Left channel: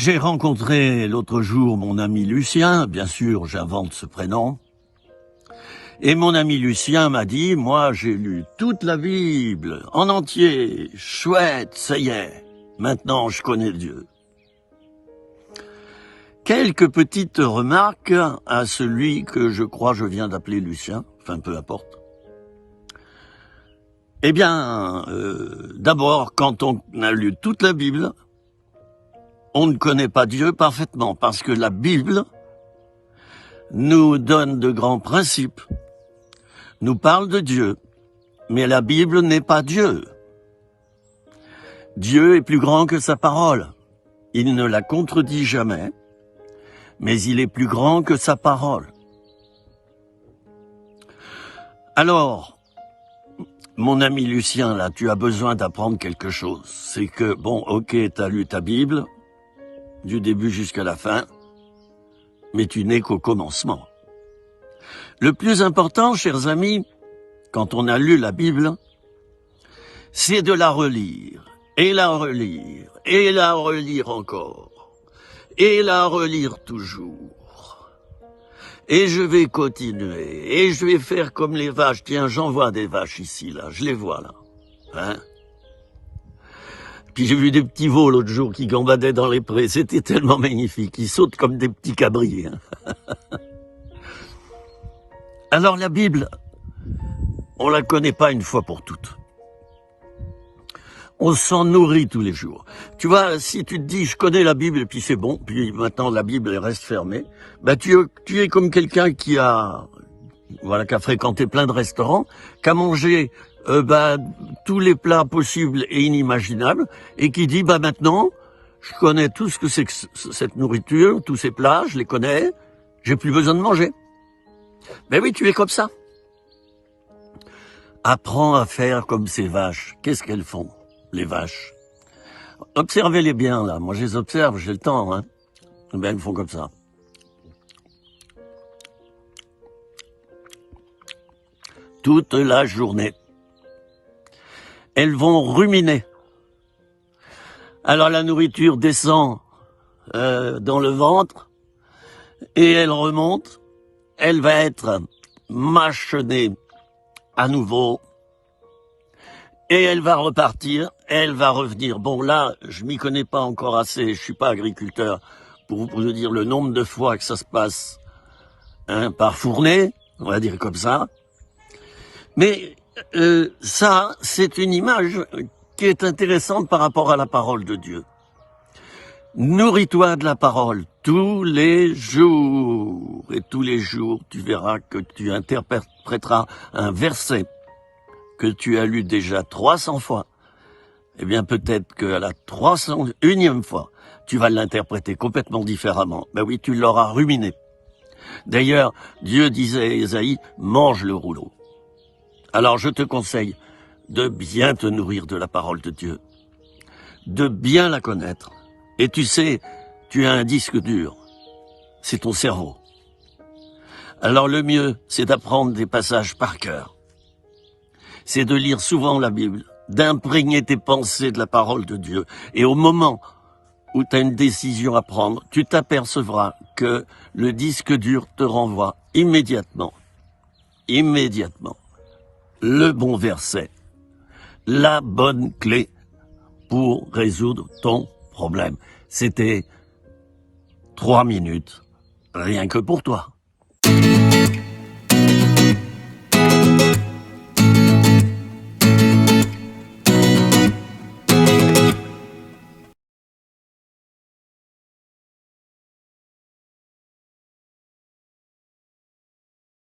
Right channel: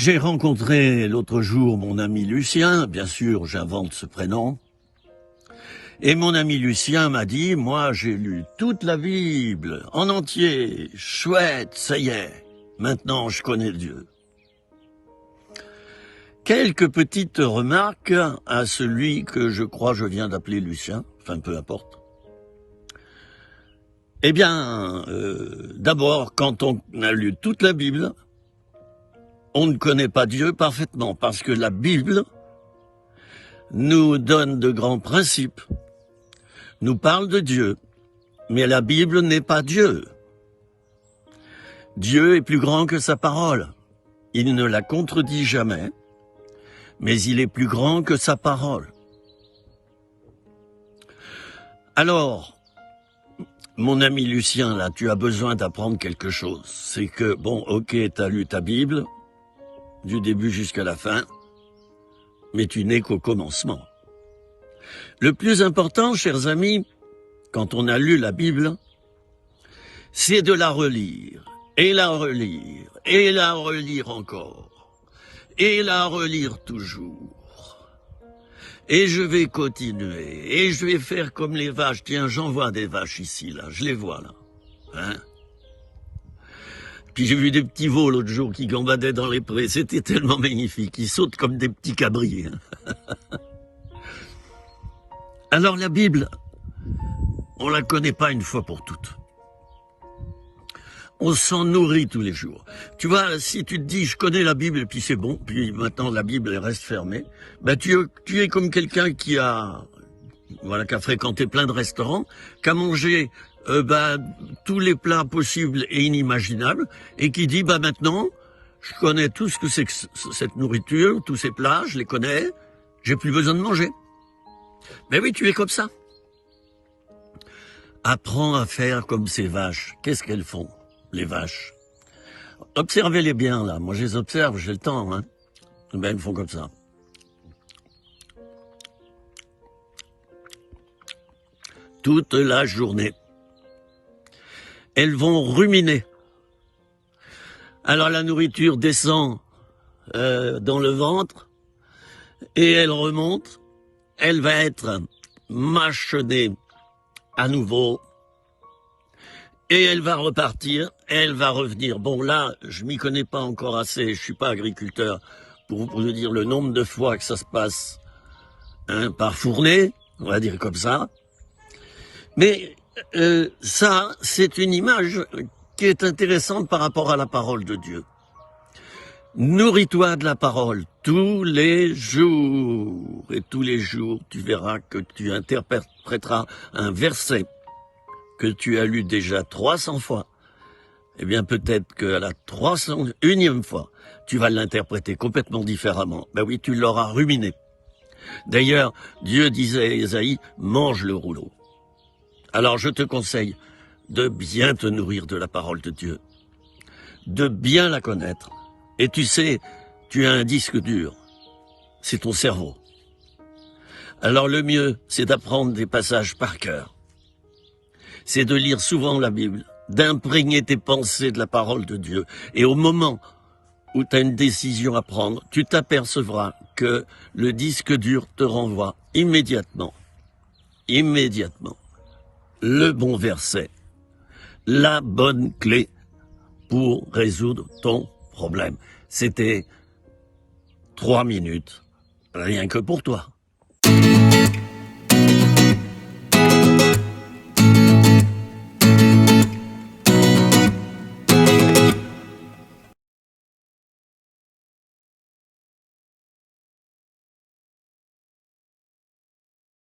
J'ai rencontré l'autre jour mon ami Lucien, bien sûr j'invente ce prénom, et mon ami Lucien m'a dit, moi j'ai lu toute la Bible, en entier, chouette, ça y est, maintenant je connais Dieu. Quelques petites remarques à celui que je crois je viens d'appeler Lucien, enfin peu importe. Eh bien, d'abord, quand on a lu toute la Bible, on ne connaît pas Dieu parfaitement, parce que la Bible nous donne de grands principes, nous parle de Dieu, mais la Bible n'est pas Dieu. Dieu est plus grand que sa parole. Il ne la contredit jamais, mais il est plus grand que sa parole. Alors, mon ami Lucien, là, tu as besoin d'apprendre quelque chose. C'est que, bon, ok, tu as lu ta Bible, du début jusqu'à la fin, mais tu n'es qu'au commencement. Le plus important, chers amis, quand on a lu la Bible, c'est de la relire, et la relire, et la relire encore, et la relire toujours. Et je vais continuer, et je vais faire comme les vaches. Tiens, j'en vois des vaches ici, là, je les vois, là. Hein? Puis j'ai vu des petits veaux l'autre jour qui gambadaient dans les prés, c'était tellement magnifique, ils sautent comme des petits cabris. Hein. Alors la Bible, on la connaît pas une fois pour toutes. On s'en nourrit tous les jours. Tu vois, si tu te dis, je connais la Bible et puis c'est bon, puis maintenant la Bible elle reste fermée, ben tu es comme quelqu'un qui a fréquenté plein de restaurants, qui a mangé tous les plats possibles et inimaginables, et qui dit, maintenant, je connais tout ce que c'est que cette nourriture, tous ces plats, je les connais, j'ai plus besoin de manger. Mais oui, tu es comme ça. Apprends à faire comme ces vaches. Qu'est-ce qu'elles font, les vaches? Observez-les bien, là. Moi, je les observe, j'ai le temps, hein. Eh bien, elles font comme ça. Toute la journée. Elles vont ruminer. Alors, la nourriture descend dans le ventre et elle remonte. Elle va être mâchonnée à nouveau, et elle va repartir, elle va revenir. Bon, là, je m'y connais pas encore assez, je suis pas agriculteur pour vous dire le nombre de fois que ça se passe par fournée, on va dire comme ça. Mais ça, c'est une image qui est intéressante par rapport à la parole de Dieu. Nourris-toi de la parole tous les jours. Et tous les jours, tu verras que tu interpréteras un verset que tu as lu déjà 300 fois. Eh bien, peut-être qu'à la 301e fois, tu vas l'interpréter complètement différemment. Ben oui, tu l'auras ruminé. D'ailleurs, Dieu disait à Ésaïe, mange le rouleau. Alors, je te conseille de bien te nourrir de la parole de Dieu, de bien la connaître. Et tu sais, tu as un disque dur, c'est ton cerveau. Alors le mieux, c'est d'apprendre des passages par cœur. C'est de lire souvent la Bible, d'imprégner tes pensées de la parole de Dieu. Et au moment où tu as une décision à prendre, tu t'apercevras que le disque dur te renvoie immédiatement, le bon verset, la bonne clé pour résoudre ton problème. C'était 3 minutes, rien que pour toi.